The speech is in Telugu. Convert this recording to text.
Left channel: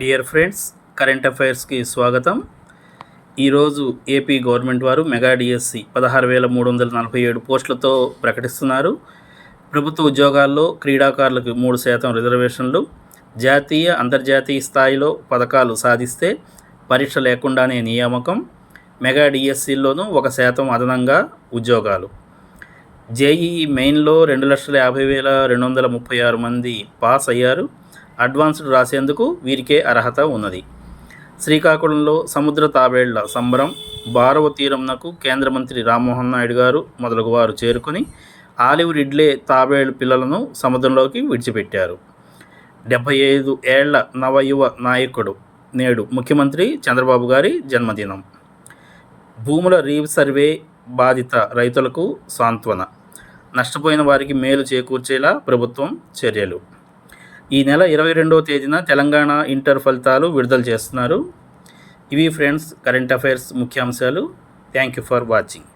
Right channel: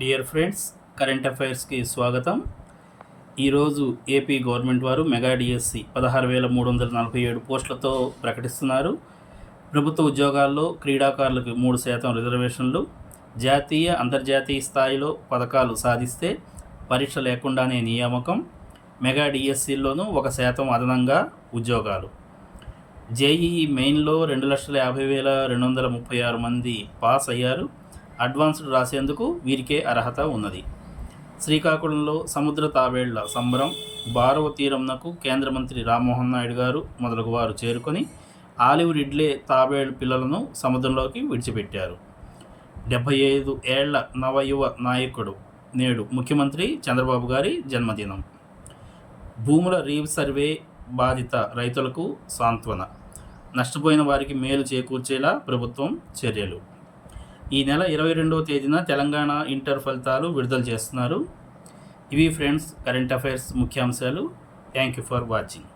డియర్ ఫ్రెండ్స్, కరెంట్ అఫైర్స్కి స్వాగతం. ఈరోజు ఏపీ గవర్నమెంట్ వారు మెగా డిఎస్సి 16,347 పోస్టులతో ప్రకటిస్తున్నారు. ప్రభుత్వ ఉద్యోగాల్లో క్రీడాకారులకు 3% రిజర్వేషన్లు, జాతీయ అంతర్జాతీయ స్థాయిలో పథకాలు సాధిస్తే పరీక్ష లేకుండానే నియామకం, మెగా డిఎస్సిల్లోనూ 1% అదనంగా ఉద్యోగాలు. జేఈఈ మెయిన్లో 2,50,236 మంది పాస్ అయ్యారు. అడ్వాన్స్డ్ రాసేందుకు వీరికే అర్హత ఉన్నది. శ్రీకాకుళంలో సముద్ర తాబేళ్ల సంబరం. భారవ తీరంనకు కేంద్ర మంత్రి రామ్మోహన్ నాయుడు గారు మొదలగు వారు చేరుకొని ఆలివ్ రిడ్లే తాబేళ్ల పిల్లలను సముద్రంలోకి విడిచిపెట్టారు. 75 ఏళ్ల నవయువ నాయకుడు నేడు ముఖ్యమంత్రి చంద్రబాబు గారి జన్మదినం. భూముల రీసర్వే బాధిత రైతులకు సాంత్వన, నష్టపోయిన వారికి మేలు చేకూర్చేలా ప్రభుత్వం చర్యలు. ఈ నెల 22వ తేదీన తెలంగాణ ఇంటర్ ఫలితాలు విడుదల చేస్తున్నారు. ఇవి ఫ్రెండ్స్ కరెంట్ అఫైర్స్ ముఖ్యాంశాలు. Thank you for watching.